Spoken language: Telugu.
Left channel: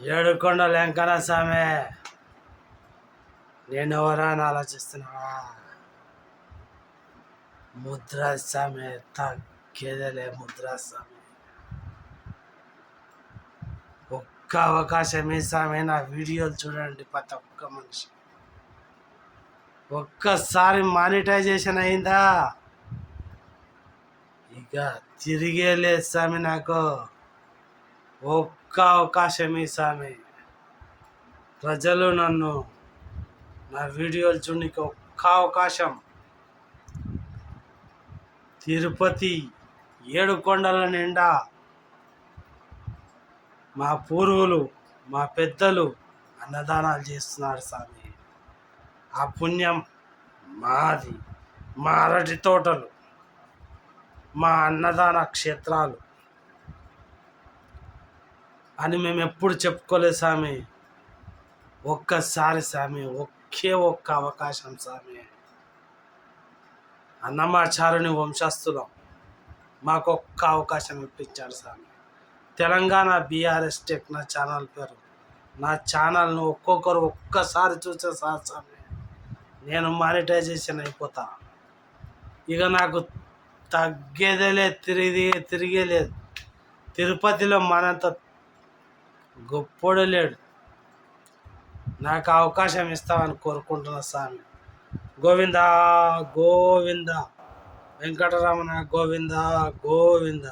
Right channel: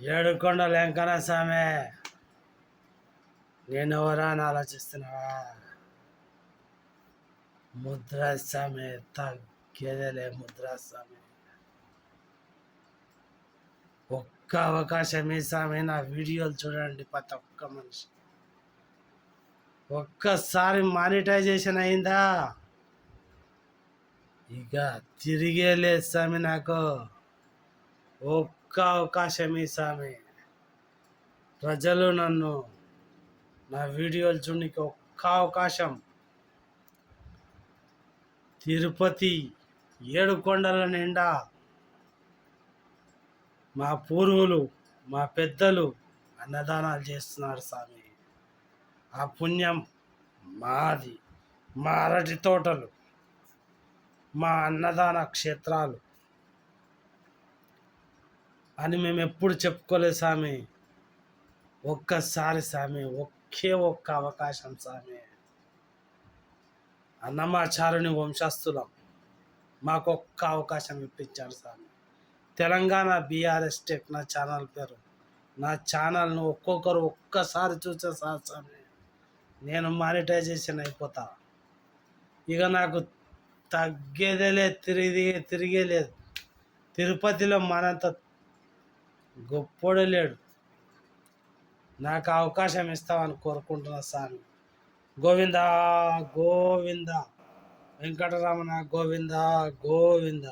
ఏడుకొండ వెంకన్న స్వామి నేను ఎవరా అని ఆలోచిస్తున్నావా? ముద్రాస్వామి తగ్గేదేలే ముద్రా స్వామి ఒక్క అవకాశం స్వామి నా వీడియోలు చూడండి ప్రతి ఒక్క మనిషి. ఒక్కసారి మానిటైజేషన్ అయిందా? ఇక తిరిగే లేదు స్వామి నాకు. ఒక్క అవకాశం ఈ ప్రజలు నన్ను నా వీడియోలు చూడడానికి ఒక్క అవకాశం. తిరుపతి ఏడు కొండల నిండా మా పూర్వులు మా పెద్దలు అన్నదానాలు చేస్తున్నారు స్వామి. ఆ పుణ్యం మాది మా అరటి తోటలు మా అన్నదాన క్షేత్రాలు. అని మేము ఎప్పుడు చెప్పుకోలేదు స్వామి ఒక్కసారి స్వామి ఒకే ఒక్క అవకాశం స్వామి అన్నమాచారుని వంశస్థులం మాకు ఒక్క అవకాశం ఇప్పించాడు స్వామి తెలంగాణ బీఆర్ఎస్ టెక్ నా ఛానల్ పేరు. నా ఛానల్ను ఒక్కొక్కరు ఒక్కసారి చూసే సార్ స్వామి నేను మానిటైజేషన్ అయిపోతా. ఇక నాకు తగ్గేదే లేదు తిరిగి తిరిగే లేదు. తిరుపతిలో మనంత గొప్పోడు లేడు. నాకు అవకాశం ఇస్తామని కోరుకుంటున్నా స్వామి గోవింద గోవింద. వెంకటరమణ గోవింద గోవింద.